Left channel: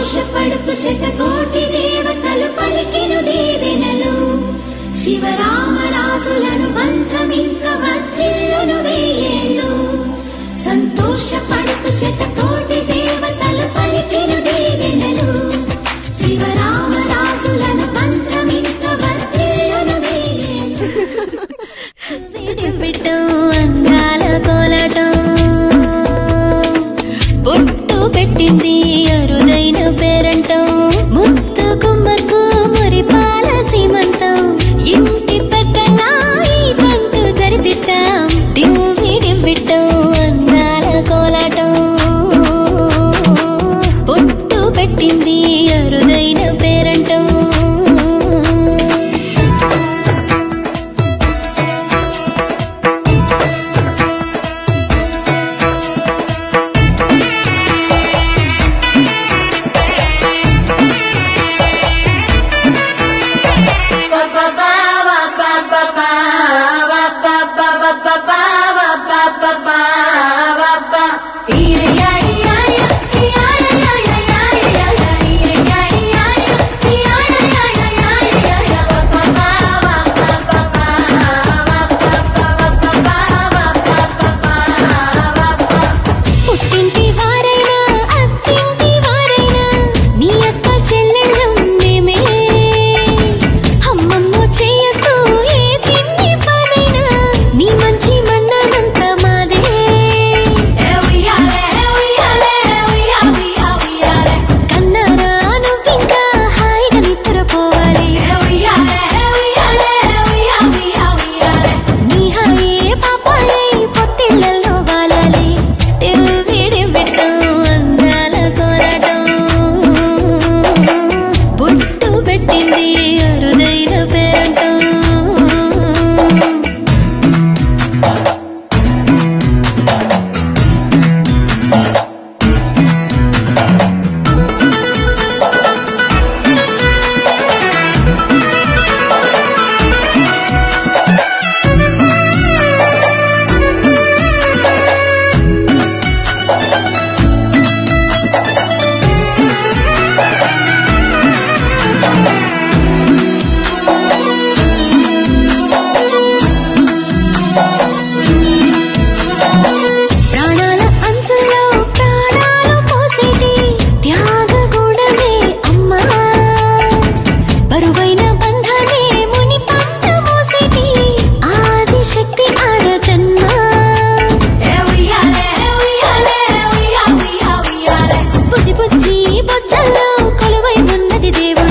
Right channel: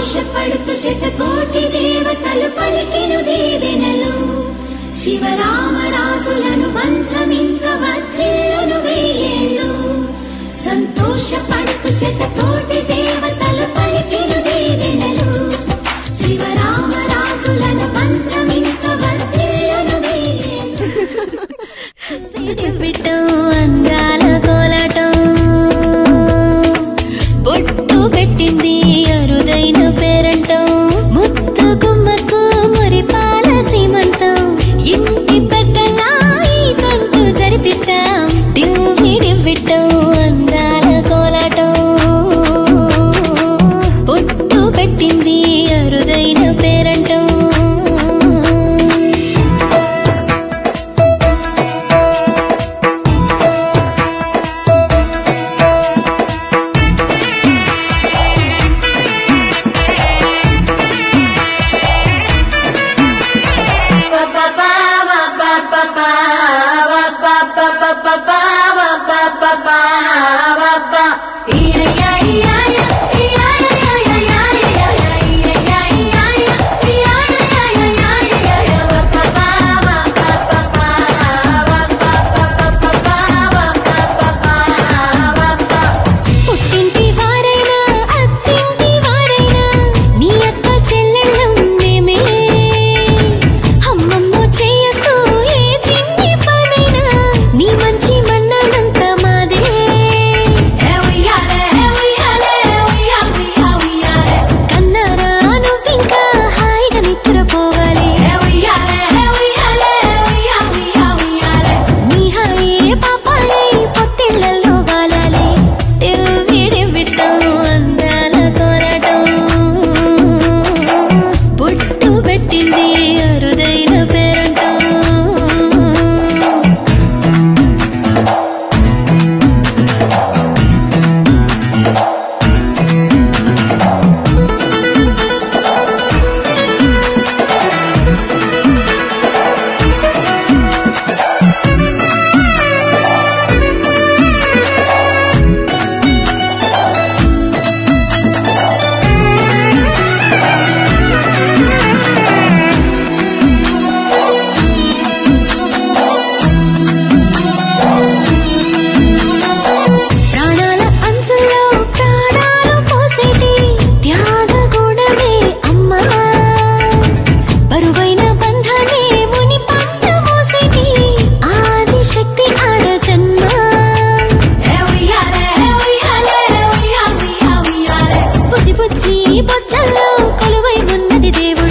సంతోషపడుతు శతకోటి దేవతలు పలికెను దీవెనలు శివరామరాజులను బంధమింక వర్ధిల్లును వెయ్యేళ్ళు సంతోషపడుతు శతకోటి దేవతలు పలికెను దీవెనలు శివరామరాజులను బంధమింక వర్ధిల్లును వెయ్యేళ్ళు విడివిటం అందాల కోలాటం బొట్టు పెట్టింది అరుదైన పేరంటం ముద్దు గుమ్మకు మురిపాల సీమంతం ఇంటి పెద్దలా ఈ తంతు జరిపిద్దాం డివ్విడివ్విటం అందాల కోలాటం బొట్టు పెట్టింది అరుదైన పేరంటం పుట్టింటి వారైనా అత్తింటి వారైనా నీ అక్క చెల్లెళ్ళం మేమే అమ్మమ్మ చెయ్యకు ఏ చిన్ని పనైనా నీ మంచి మన్నానంత మాదే కన్నారా నువ్వింకా హాయిగా నిద్రపోవాలి నీ హాయే పాపాయే పొత్తిళ్లలో వాలాలి విడివిటం అందాల కోలాటం బొట్టు పెట్టింది అరుదైన పేరంటం ప్రాణాల అంచుల్లో ప్రాణాలు పోసేటి త్యాగ గుణమే అమ్మా బరువైన బంధాన్ని ముని పంట మోసేటి ఆదిశక్తి ఆడ జన్మ బుజ్జి బుజ్జి బొజ్జల్లో కొలువై ఉన్నది దేవుడు